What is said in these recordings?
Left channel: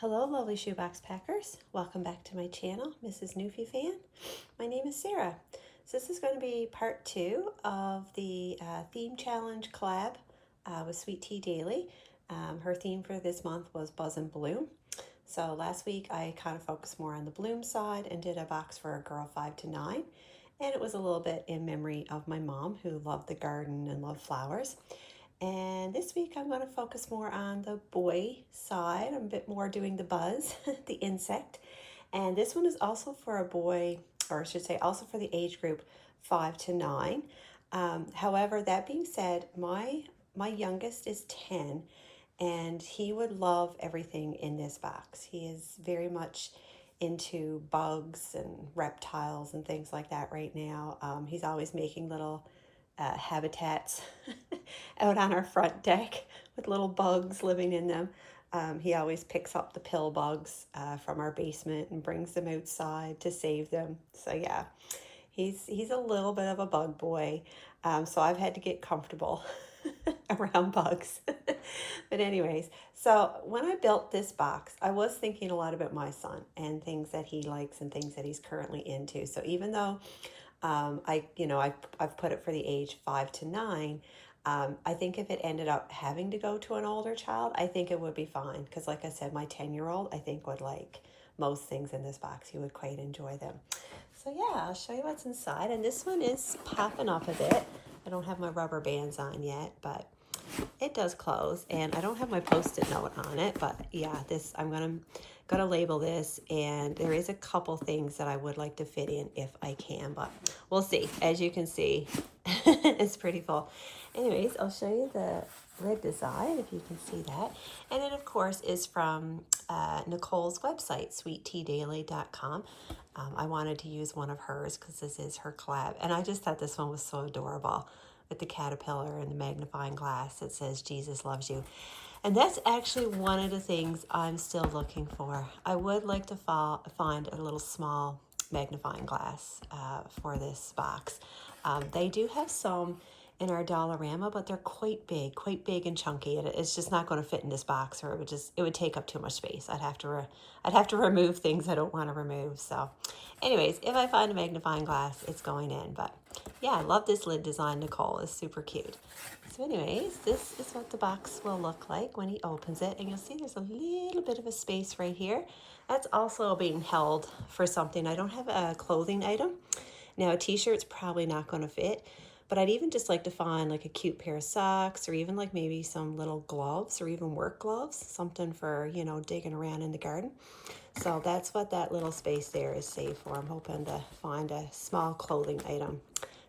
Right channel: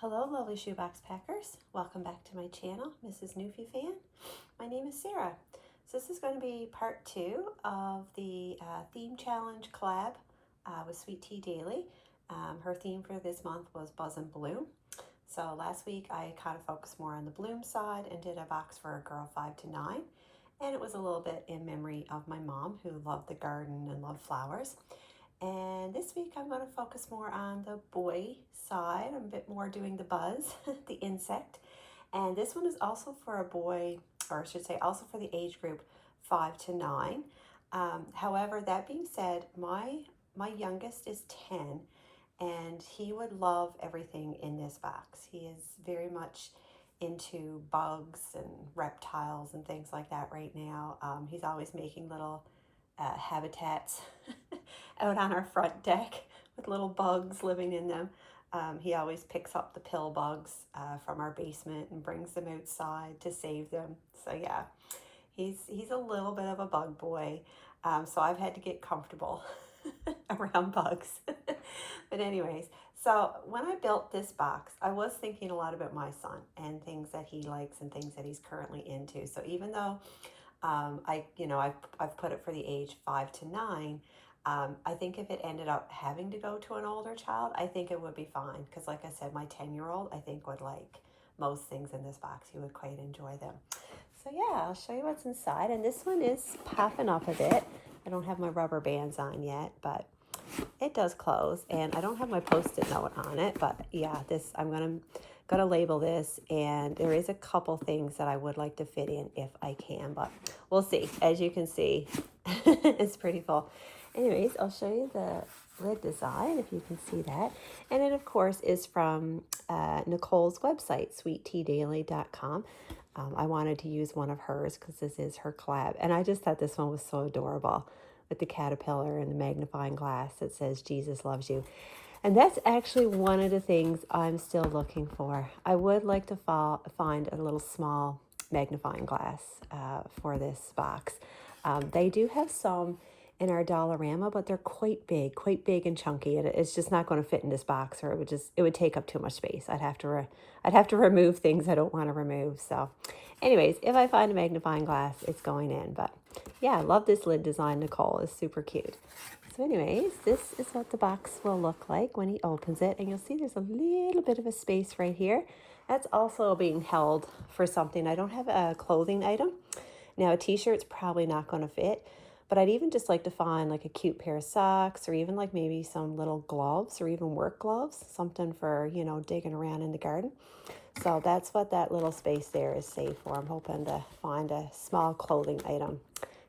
Hello, lovely shoebox packers. Welcome back to my channel, Mrs. Newfie Fan. My name is Sarah. So this is going to be part 2 of the theme challenge collab with Sweet Tea Daily. Her theme for this month was Buzz and Bloom. So last week I kind of focused more on the bloom side and did a box for a girl 5 to 9. And it was a little bit in memory of my mom, who loved the garden and loved flowers. And this week I'm going to focus more on the boy side. I'm a bit more doing the buzz, the insect. And this one is also for a boy, or I should say also for the age group 5 to 9. However, that being said, my youngest is 10 and he would love everything in this box. He is very much into bugs and reptiles and things like that right now. He's always making little habitats out on our front deck with little bugs living in them. He always picks up the pill bugs from our basement and brings them outside to save them. So yeah, he's a little bit of a bug boy. So I've had to get comfortable around bugs. But anyways, so when I built this box, I was thinking a lot about my son and things that he likes and things that he's currently into. So even though I've put it for the age 5 to 9. I think if it ended up having to go to an older child, I think it would be fine. Because like I said, my 10-year-old, I think would like most things in this box. He would quite enjoy them. So yeah, I'll show you what's inside. And this one is popping up a bit. I don't have my rubber bands on yet, but it does close. And I don't have my Post-it note on it, but yeah, I'm gonna label this, and there is a couple things that I would like to fit in if I can, but we'll see. As you can see, it's pretty full. Anyways, I'll show you the lid design if you can see that. And it of course is from Nicole's website, sweetteadaily.com. I wanted to use one of hers because this is her collab, and I just thought this one was so adorable with the caterpillar and the magnifying glass that says Jesus loves you. And that's actually one of the things I'm still looking for. I would like to find a little small magnifying glass for this box. They do have some in our Dollarama, but they're quite big and chunky, and it's just not going to fit in this box, or it would take up too much space. I'd have to remove things I don't want to remove. So anyways, if I find a magnifying glass, it's going in. But yeah, I love this lid design. Nicole is super cute. So anyways, this is what the box will look like when he opens it. And you'll see there's a little bit of a space right here. That's also being held for something. I don't have a clothing item. Now, a t-shirt's probably not going to fit, but I'd even just like to find like a cute pair of socks, or even like maybe some little gloves, or even work gloves, something for, digging around in the garden. So that's what that little space there is saved for. I'm hoping to find a small clothing item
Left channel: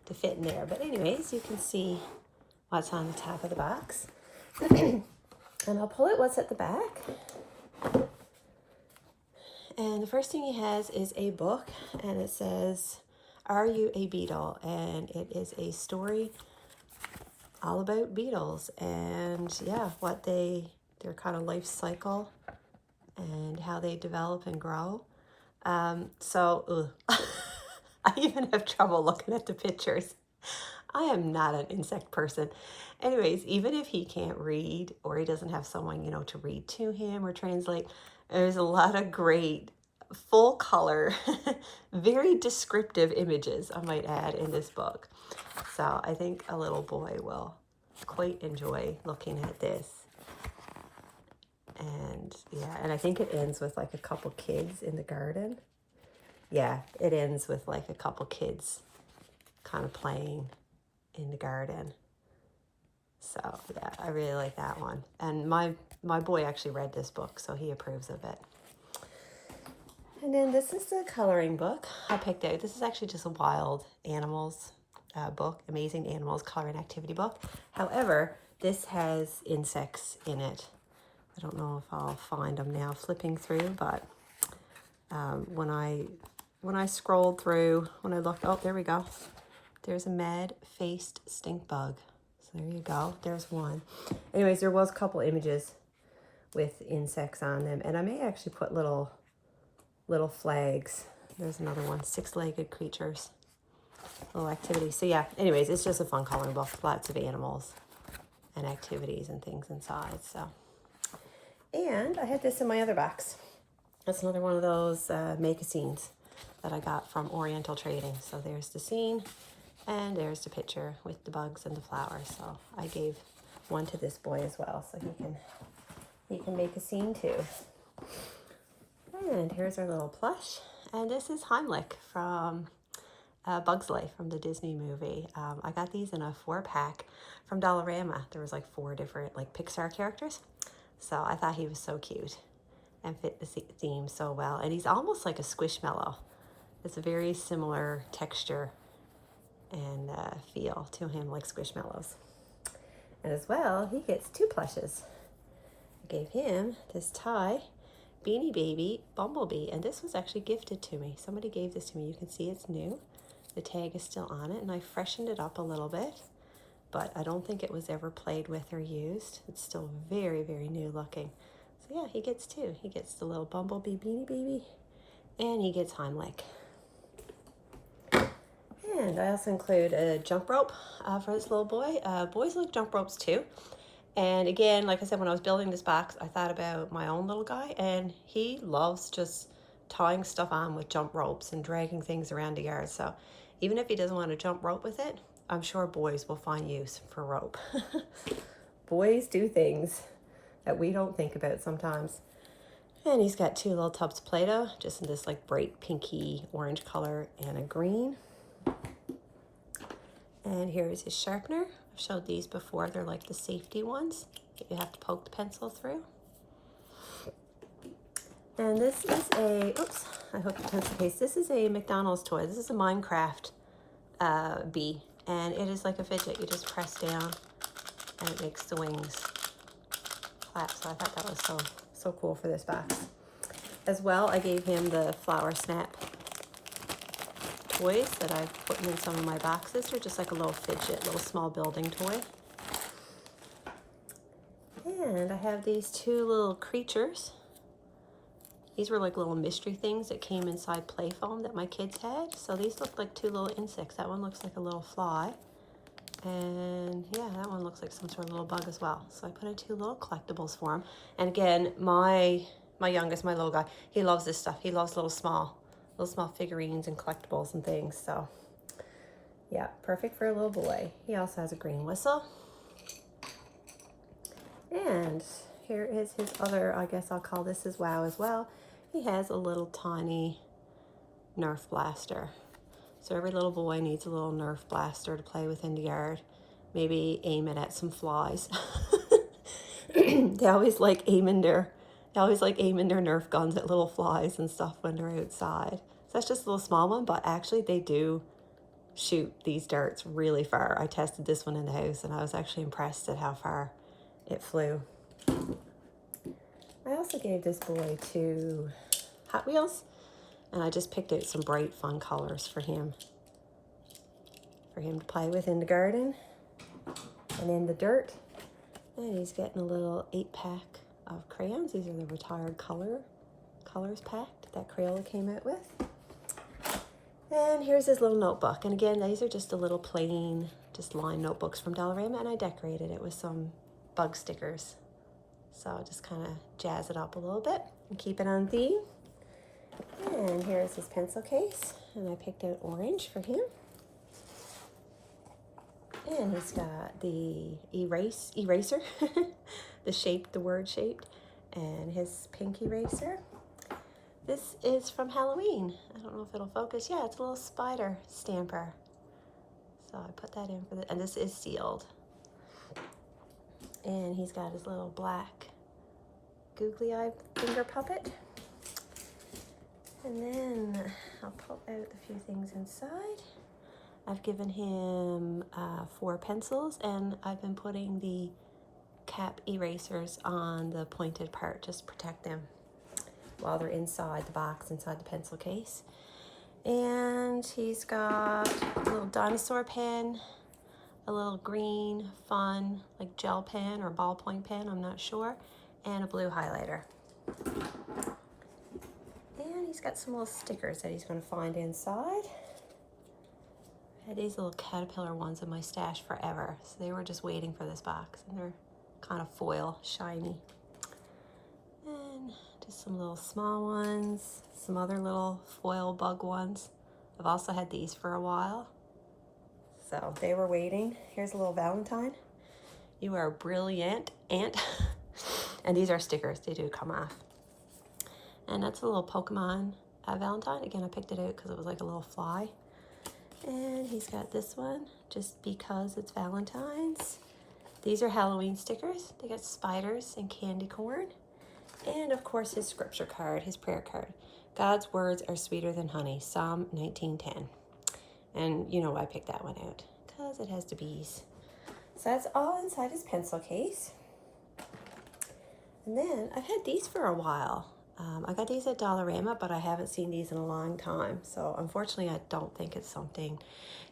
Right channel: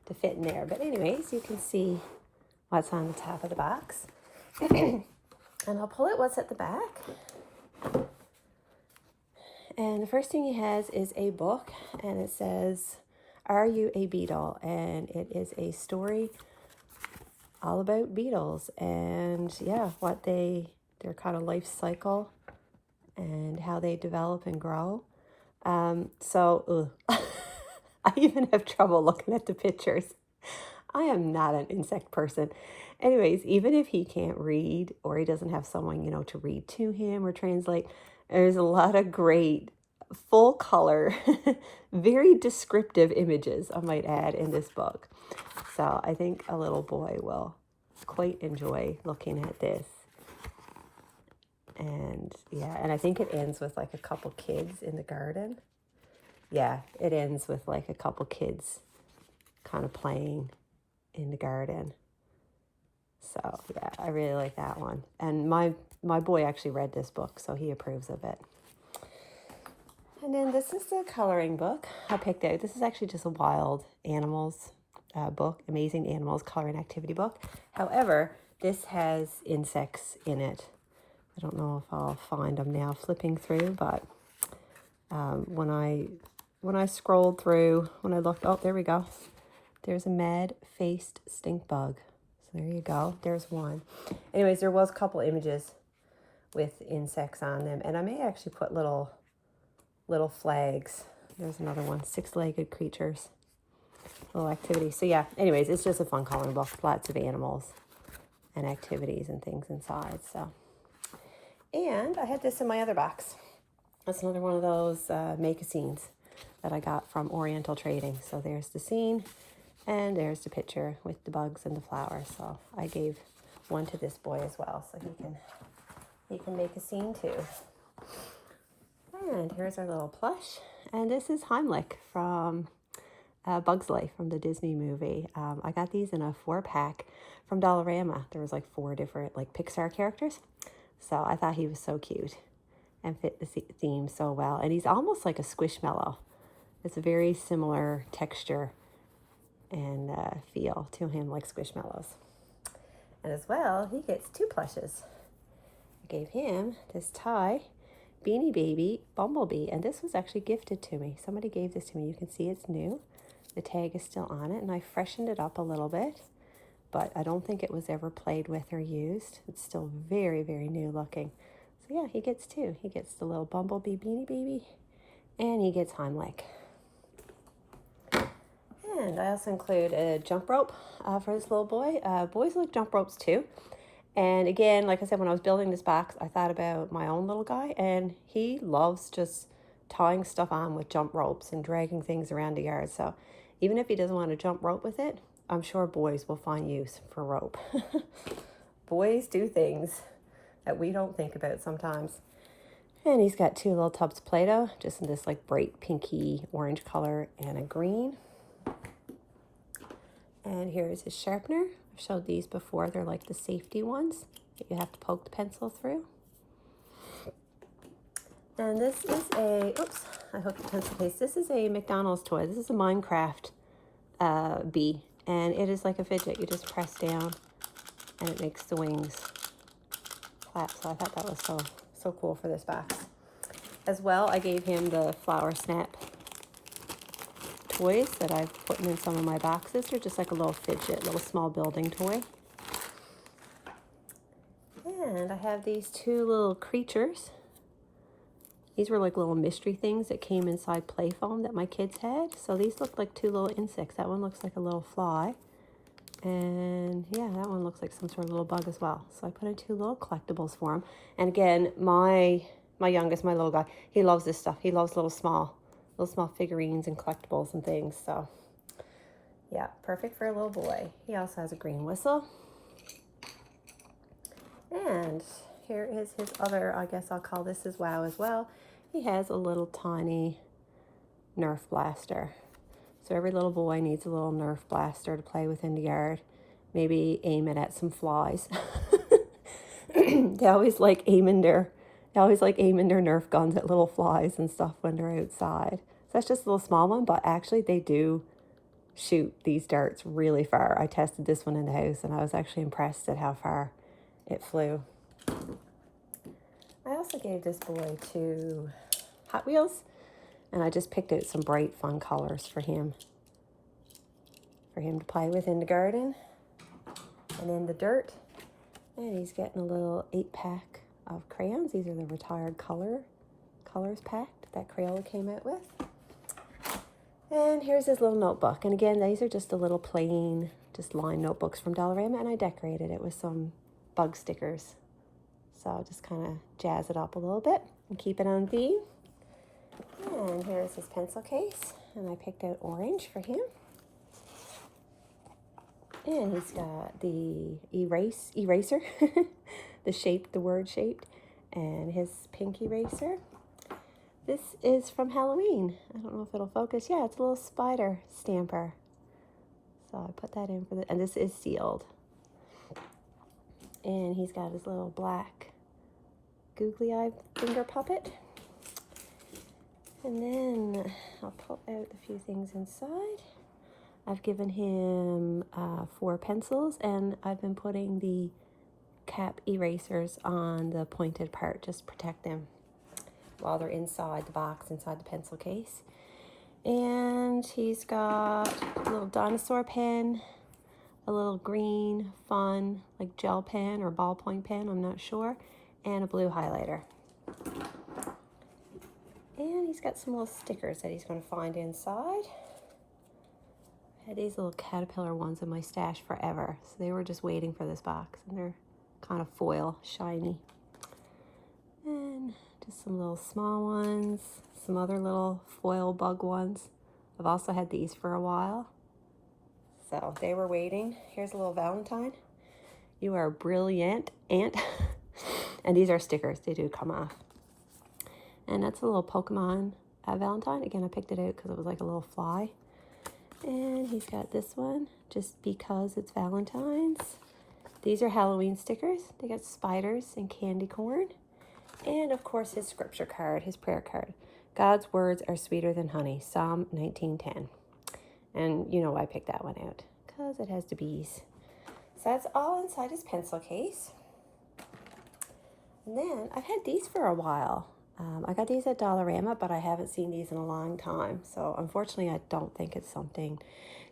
to fit in there. But anyways, you can see what's on the top of the box. And I'll pull it what's at the back. And the first thing he has is a book, and it says, "Are You a Beetle?" And it is a story all about beetles and yeah, their kind of life cycle and how they develop and grow. So I even have trouble looking at the pictures. I am not an insect person. Anyways, even if he can't read, or he doesn't have someone, to read to him or translate, there's a lot of great full color, very descriptive images, I might add, in this book. So I think a little boy will quite enjoy looking at this. And yeah, and I think it ends with like a couple kids in the garden. Yeah, it ends with like a couple kids kind of playing in the garden. So yeah, I really like that one. And my boy actually read this book, so he approves of it. And then this is the coloring book I picked out. This is actually just a wild animals book, Amazing Animals Coloring Activity book. However, this has insects in it. I don't know if I'll find them now flipping through, but when I scrolled through, when I looked, oh, there we go. There's a mad-faced stink bug. So there you go. There's one. Anyways, there was a couple images with insects on them, and I may actually put little flags. There's another one, 6-legged creatures, little activities. So yeah, anyways, it's just a fun coloring book. Lots of animals and activities and things inside. So And I had this in my other box. That's another one of those make-a-scenes that I got from Oriental Trading. So there's the scene, and there's the picture with the bugs and the flowers. So I gave one to this boy as well, so he can make a scene too. And here's our little plush. And this is Heimlich from Bug's Life from the Disney movie. I got these in a 4-pack from Dollarama. There was like 4 different like Pixar characters. So I thought he was so cute and fit the theme so well. And he's almost like a Squishmallow. It's a very similar texture and feel to him, like Squishmallows. And as well, he gets 2 plushes. I gave him this tie Beanie Baby Bumblebee, and this was actually gifted to me. Somebody gave this to me. You can see it's new. The tag is still on it, and I freshened it up a little bit, but I don't think it was ever played with or used. It's still very, very new looking. So yeah, he gets 2. He gets the little Bumblebee Beanie Baby, and he gets Heimlich. And I also include a jump rope for this little boy. Boys like jump ropes too. And again, like I said, when I was building this box, I thought about my own little guy, and he loves just tying stuff on with jump ropes and dragging things around the yard. So even if he doesn't want to jump rope with it, I'm sure boys will find use for rope. Boys do things that we don't think about sometimes. And he's got 2 little tubs of Play-Doh, just in this like bright pinky orange color and a green. And here's his sharpener. I've showed these before. They're like the safety ones that you have to poke the pencil through. And this is a, oops, I hooked the pencil case. This is a McDonald's toy. This is a Minecraft bee. And it is like a fidget. You just press down and it makes the wings clap. So I thought that was so cool for this box. As well, I gave him the Flower Snap toys that I've put in some of my boxes. They're just like a little fidget, little small building toy. And I have these 2 little creatures. These were like little mystery things that came inside play foam that my kids had. So these look like 2 little insects. That one looks like a little fly. And yeah, that one looks like some sort of little bug as well. So I put in 2 little collectibles for him. And again, my youngest, my little guy, he loves this stuff. He loves little small figurines and collectibles and things. So yeah, perfect for a little boy. He also has a green whistle. And here is his other, I guess I'll call this his wow as well. He has a little tiny Nerf blaster. So every little boy needs a little Nerf blaster to play with in the yard. Maybe aim it at some flies. They always like aiming their Nerf guns at little flies and stuff when they're outside. So that's just a little small one, but actually they do shoot these darts really far. I tested this one in the house and I was actually impressed at how far it flew. I also gave this boy 2 Hot Wheels, and I just picked out some bright fun colors for him to play with in the garden and in the dirt. And he's getting a little 8-pack of crayons. These are the retired colors packed that Crayola came out with. And here's his little notebook. And again, these are just a little plain, just lined notebooks from Dollarama, and I decorated it with some bug stickers. So I'll just kind of jazz it up a little bit and keep it on theme. And here's his pencil case, and I picked out orange for him. And he's got the eraser, the word shaped, and his pink eraser. This is from Halloween. I don't know if it'll focus. Yeah, it's a little spider stamper. So I put that in for and this is sealed. And he's got his little black googly eye finger puppet. And then I'll pull out a few things inside. I've given him 4 pencils, and I've been putting the cap erasers on the pointed part, just protect them while they're inside the box, inside the pencil case. And he's got a little dinosaur pen, a little green fun like gel pen or ballpoint pen, I'm not sure, and a blue highlighter. And he's got some little stickers that he's going to find inside. I had these little caterpillar ones in my stash forever, so they were just waiting for this box, and they're kind of foil, shiny. Just some little small ones, some other little foil bug ones. I've also had these for a while. So they were waiting. Here's a little Valentine. You are brilliant, Aunt. And these are stickers. They do come off. And that's a little Pokemon Valentine. Again, I picked it out because it was like a little fly. And he's got this one just because it's Valentine's. These are Halloween stickers. They got spiders and candy corn. And of course his scripture card, his prayer card. God's words are sweeter than honey, Psalm 19:10. And you know why I picked that one out, because it has the bees. So that's all inside his pencil case. And then I've had these for a while. I got these at Dollarama, but I haven't seen these in a long time. So unfortunately, I don't think it's something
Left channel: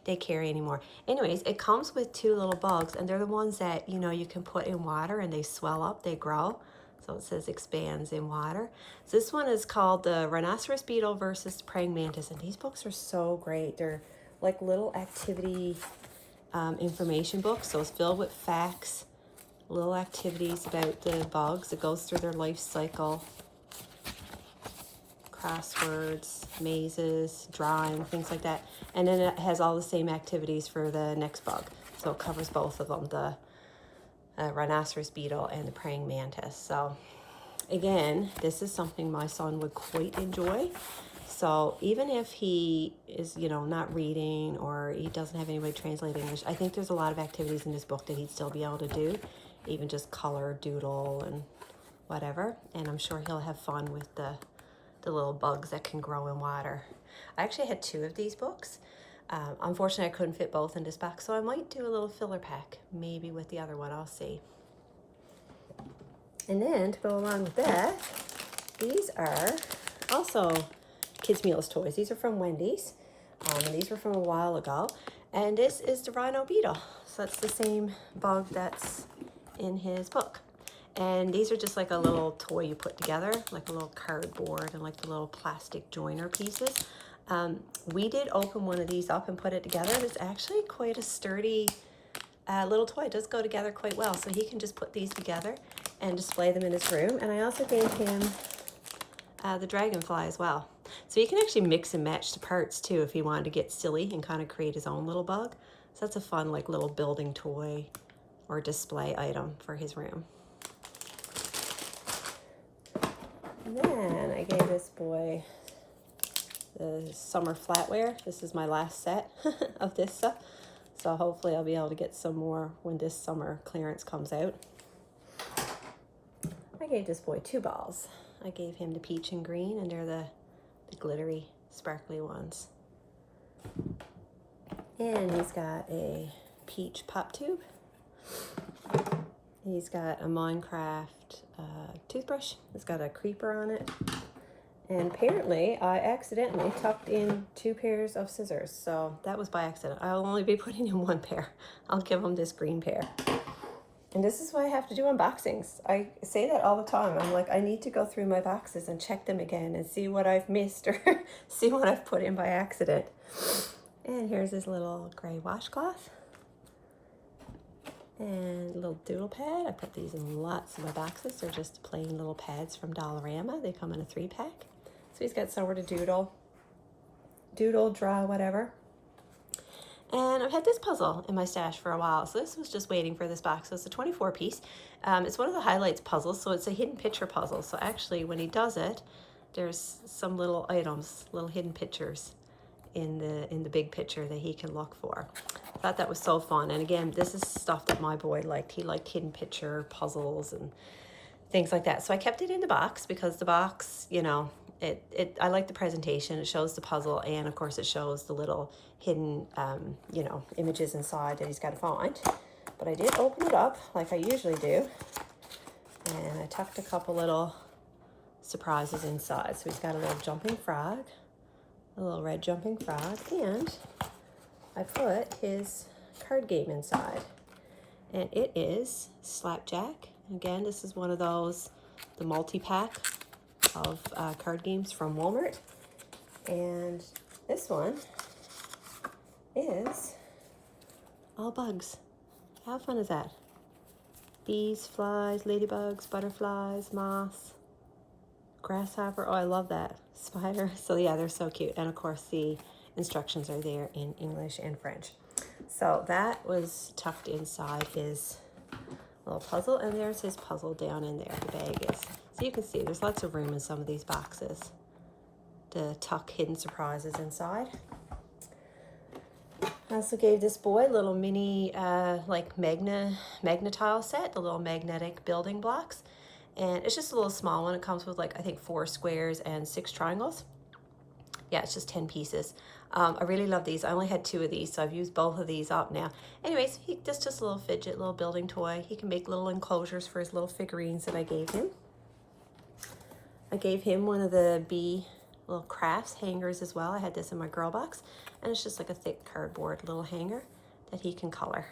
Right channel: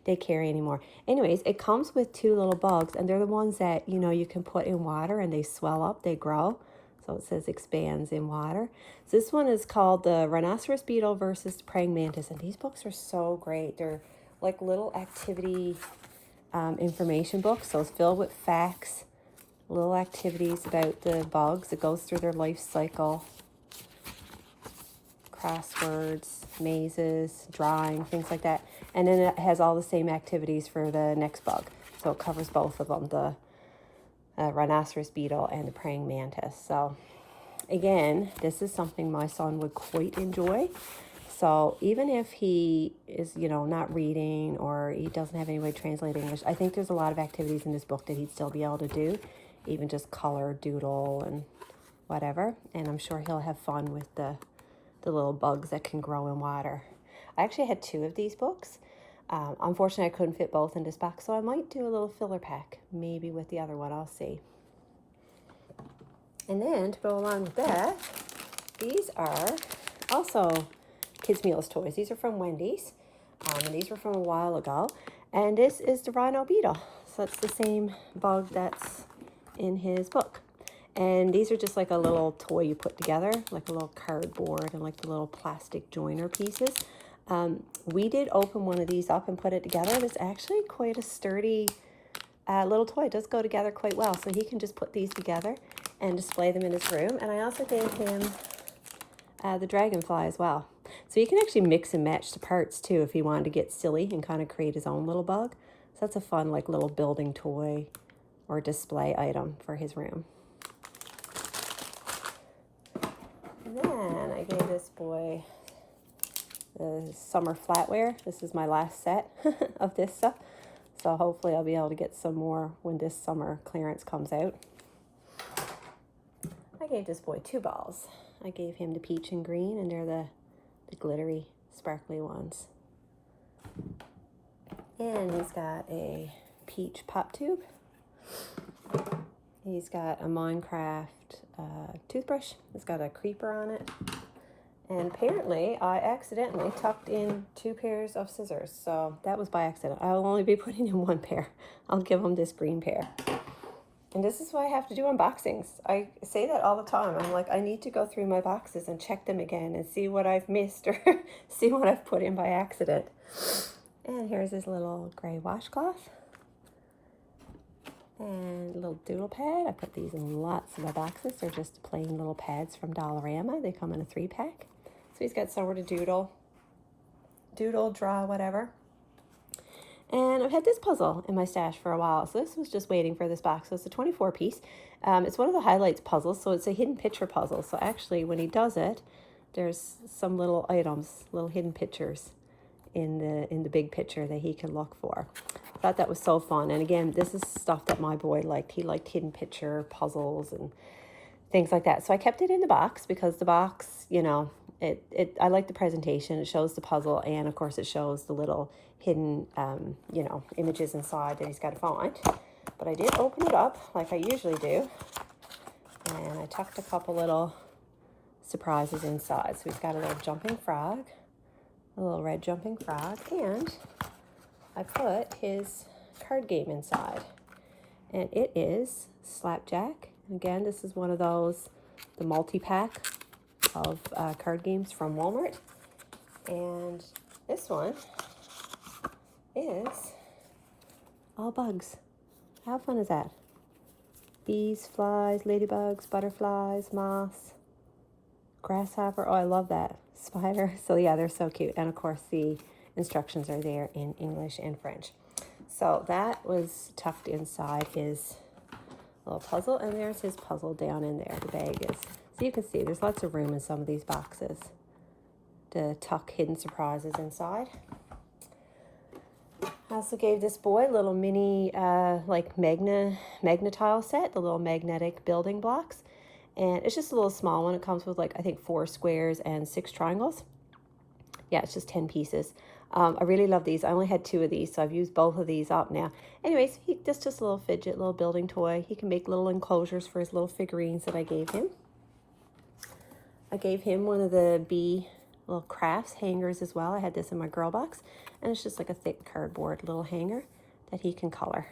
they carry anymore. Anyways, it comes with two little bugs, and they're the ones that, you know, you can put in water and they swell up, they grow. So it says expands in water. So this one is called the Rhinoceros Beetle versus Praying Mantis. And these books are so great. They're like little activity information books. So it's filled with facts, little activities about the bugs. It goes through their life cycle. Crosswords, mazes, drawing, things like that. And then it has all the same activities for the next bug. So it covers both of them, the rhinoceros beetle and the praying mantis. So again, this is something my son would quite enjoy. So even if he is, you know, not reading or he doesn't have any way to translate English, I think there's a lot of activities in this book that he'd still be able to do, even just color, doodle, and whatever. And I'm sure he'll have fun with the little bugs that can grow in water. I actually had two of these books. Unfortunately, I couldn't fit both in this box, so I might do a little filler pack, maybe with the other one, I'll see. And then to go along with that, these are also Kids Meals toys. These are from Wendy's, and these were from a while ago. And this is the Rhino Beetle. So it's the same bug that's in his book. And these are just like a little toy you put together, like a little cardboard and like the little plastic joiner pieces. We did open one of these up and put it together. It's actually quite a sturdy little toy. It does go together quite well. So he can just put these together and display them in his room. And I also gave him the dragonfly as well. So you can actually mix and match the parts too if he wanted to get silly and kind of create his own little bug. So that's a fun like little building toy or display item for his room. And then I gave this boy the summer flatware. This is my last set of this stuff. So hopefully I'll be able to get some more when this summer clearance comes out. I gave this boy two balls. I gave him the peach and green, and they're the glittery, sparkly ones. And he's got a peach pop tube. He's got a Minecraft toothbrush. It's got a creeper on it. And apparently I accidentally tucked in two pairs of scissors. So that was by accident. I'll only be putting in one pair. I'll give him this green pair. And this is why I have to do unboxings. I say that all the time. I'm like, I need to go through my boxes and check them again and see what I've missed or see what I've put in by accident. And here's this little gray washcloth. And a little doodle pad. I put these in lots of my boxes. They're just plain little pads from Dollarama. They come in a 3-pack. So he's got somewhere to doodle, draw, whatever. And I've had this puzzle in my stash for a while. So this was just waiting for this box. So it's a 24-piece. It's one of the highlights puzzles. So it's a hidden picture puzzle. So actually when he does it, there's some little items, little hidden pictures in the big picture that he can look for. I thought that was so fun. And again, this is stuff that my boy liked. He liked hidden picture puzzles and things like that. So I kept it in the box because the box, you know, I like the presentation. It shows the puzzle, and of course it shows the little hidden, you know, images inside that he's got to find. But I did open it up like I usually do, and I tucked a couple little surprises inside. So he's got a little jumping frog, a little red jumping frog, and I put his card game inside, and it is Slapjack. Again, this is one of those, the multi-pack of card games from Walmart. And this one is all bugs. How fun is that? Bees, flies, ladybugs, butterflies, moths, grasshopper. Oh, I love that. Spider. So yeah, they're so cute. And of course the instructions are there in English and French. So that was tucked inside his little puzzle, and there's his puzzle down in there. The bag is. So you can see there's lots of room in some of these boxes to tuck hidden surprises inside. I also gave this boy a little mini like magnetile set, the little magnetic building blocks. And it's just a little small one. It comes with like, I think 4 squares and 6 triangles. Yeah, it's just 10 pieces. I really love these. I only had 2 of these, so I've used both of these up now. Anyways, just a little fidget, little building toy. He can make little enclosures for his little figurines that I gave him. I gave him one of the bee little crafts hangers as well. I had this in my girl box, and it's just like a thick cardboard little hanger that he can color.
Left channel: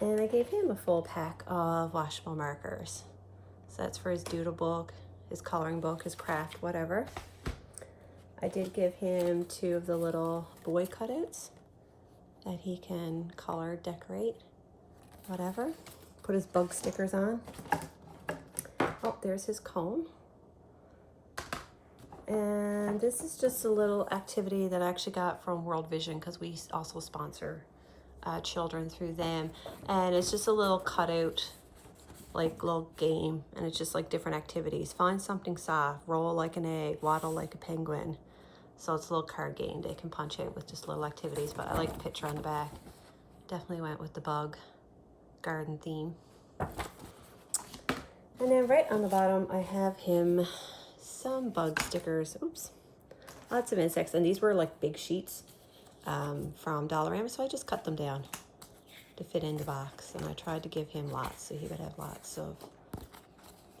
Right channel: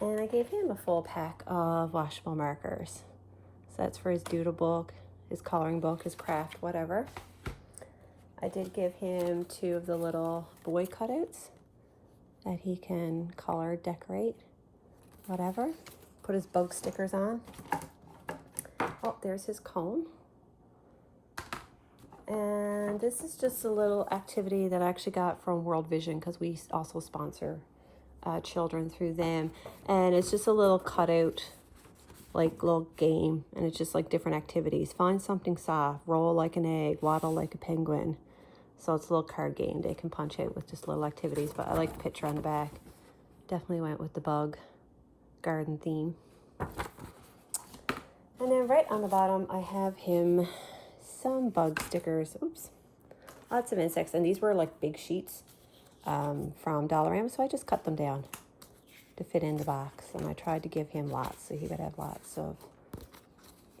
And I gave him a full pack of washable markers. So that's for his doodle book, his coloring book, his craft, whatever. I did give him 2 of the little boy cutouts that he can color, decorate, whatever. Put his bug stickers on. Oh, there's his comb. And this is just a little activity that I actually got from World Vision, because we also sponsor children through them. And it's just a little cutout, like little game. And it's just like different activities. Find something soft, roll like an egg, waddle like a penguin. So it's a little card game they can punch out with just little activities. But I like the picture on the back. Definitely went with the bug garden theme. And then right on the bottom, I have him some bug stickers. Oops. Lots of insects. And these were like big sheets from Dollarama. So I just cut them down to fit in the box. And I tried to give him lots so he would have lots of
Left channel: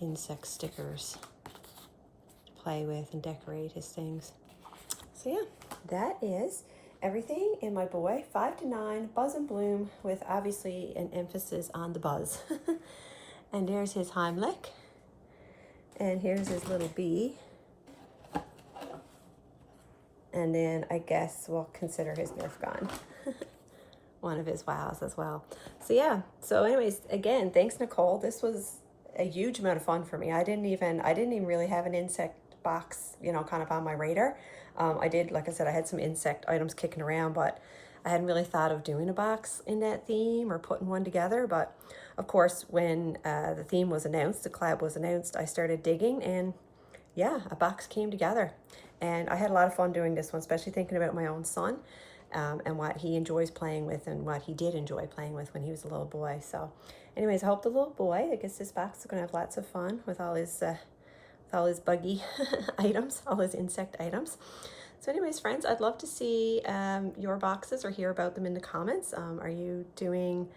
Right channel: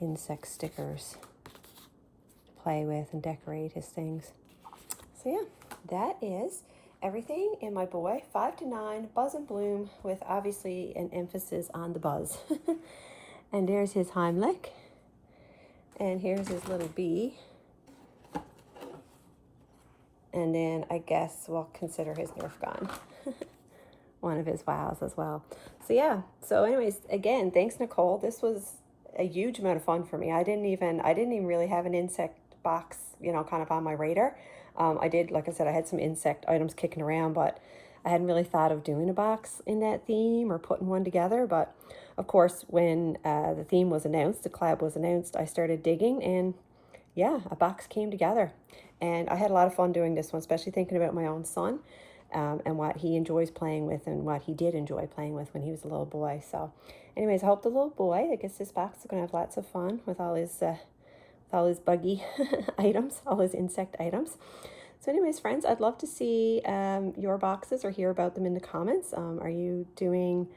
insect stickers to play with and decorate his things. So yeah, that is everything in my boy 5 to 9 Buzz and Bloom, with obviously an emphasis on the buzz. And there's his Heimlich. And here's his little bee. And then I guess we'll consider his Nerf gun. One of his wows as well. So yeah, so anyways, again, thanks Nicole. This was a huge amount of fun for me. I didn't even really have an insect box, you know, kind of on my radar. I did, like I said, I had some insect items kicking around, but I hadn't really thought of doing a box in that theme or putting one together. But of course, when the theme was announced, the collab was announced, I started digging, and yeah, a box came together. And I had a lot of fun doing this one, especially thinking about my own son and what he enjoys playing with and what he did enjoy playing with when he was a little boy. So anyways, I hope the little boy that gets this box is going to have lots of fun with all his buggy items, all his insect items. So anyways, friends, I'd love to see your boxes or hear about them in the comments. Are you doing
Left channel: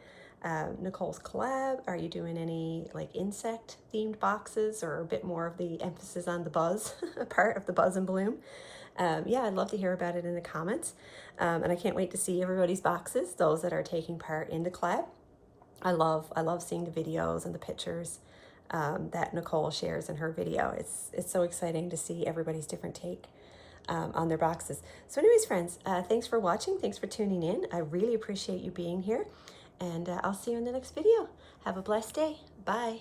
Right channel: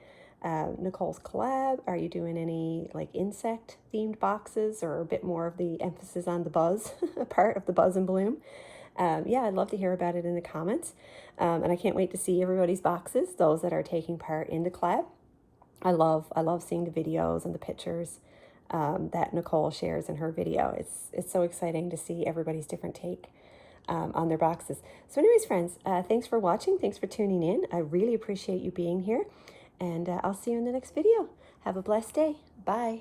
Nicole's collab? Are you doing any like insect themed boxes, or a bit more of the emphasis on the buzz part of the Buzz and Bloom? Yeah, I'd love to hear about it in the comments. And I can't wait to see everybody's boxes, those that are taking part in the collab. I love seeing the videos and the pictures that Nicole shares in her video. It's so exciting to see everybody's different take on their boxes. So anyways, friends, thanks for watching. Thanks for tuning in. I really appreciate you being here. And I'll see you in the next video. Have a blessed day. Bye.